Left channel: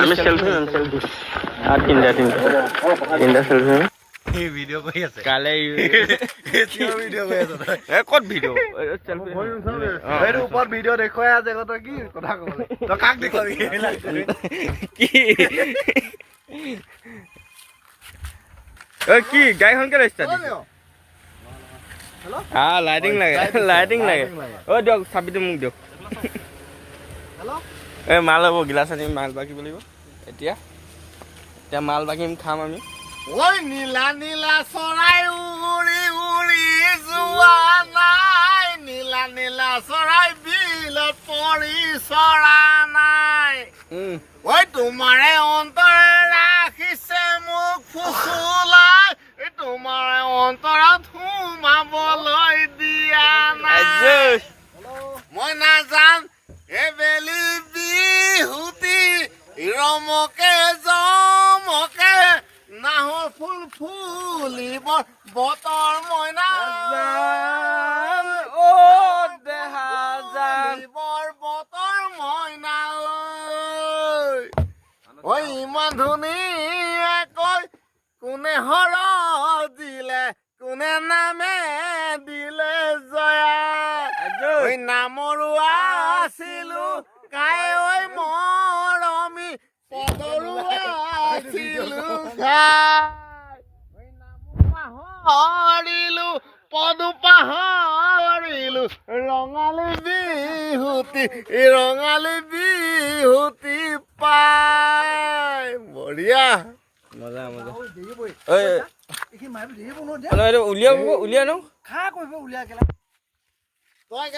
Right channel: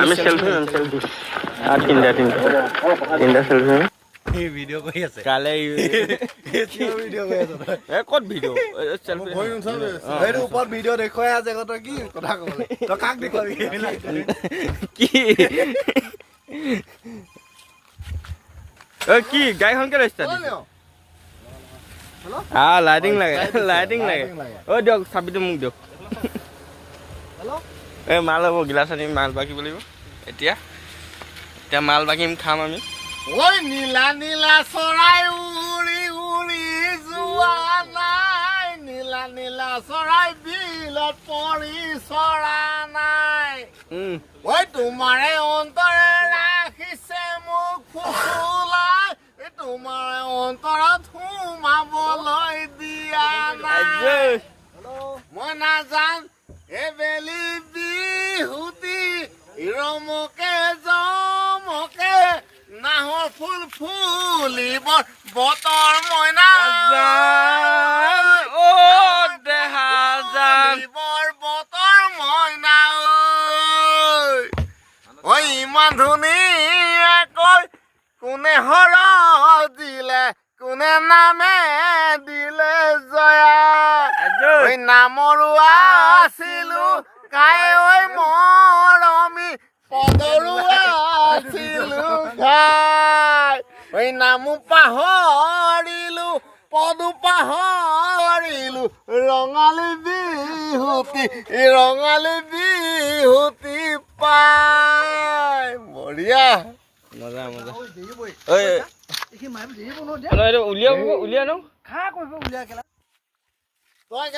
আমি selfie R তিনটা selfie এই ভিডিও কৰি আছে কালে ভিডিও কৰি আছে ক'ত ভিডিও সেলফি এইটো ওপৰত ভিডিও দেখুৱাই আছে তই কি কথা ক'বলৈ তই কাক দেখুৱাবি কি কি গাড়ীখনকে ৰেজিষ্টাৰ দিছে লাইটিং লাগে দিয়ক চাবিটো মোক দিয়ক এই মাল হ'ব গিলাচ আনি মাল বাকিব লাগিব এতিয়া মাল বাকিম খাম আমি ঐ নীলা নীলা চৰাই উৰি উৰি যোৱা নাই নীলা নীলা চৰাই বিলত পৰি চৰা নাই ঐ তোমাৰে অন্তৰে ৰাখিছে মোক ফুচুলাই তোমাৰে অন্তৰত সোমাবলৈ দিয়া নাই মই নাজান এবেলি বিহুতি ৰমকে জমকে নাহৰ ফুল ফুলিব বতৰ মইনা বতৰ মইনা ঐ ইমান ধুনীয়াকৈ কোনে হৰ দিলে কোনে নামে দিলে জয়া ঐ নামৰো আছিলো কাই ঐ মৰমি পদৰো আছিলো খাই ঐ নামো পাহৰিলো পদো পাহৰিলো ৰঙালী বিহুতি পাই বঢ়িয়া মজা উলিয়াই ন তই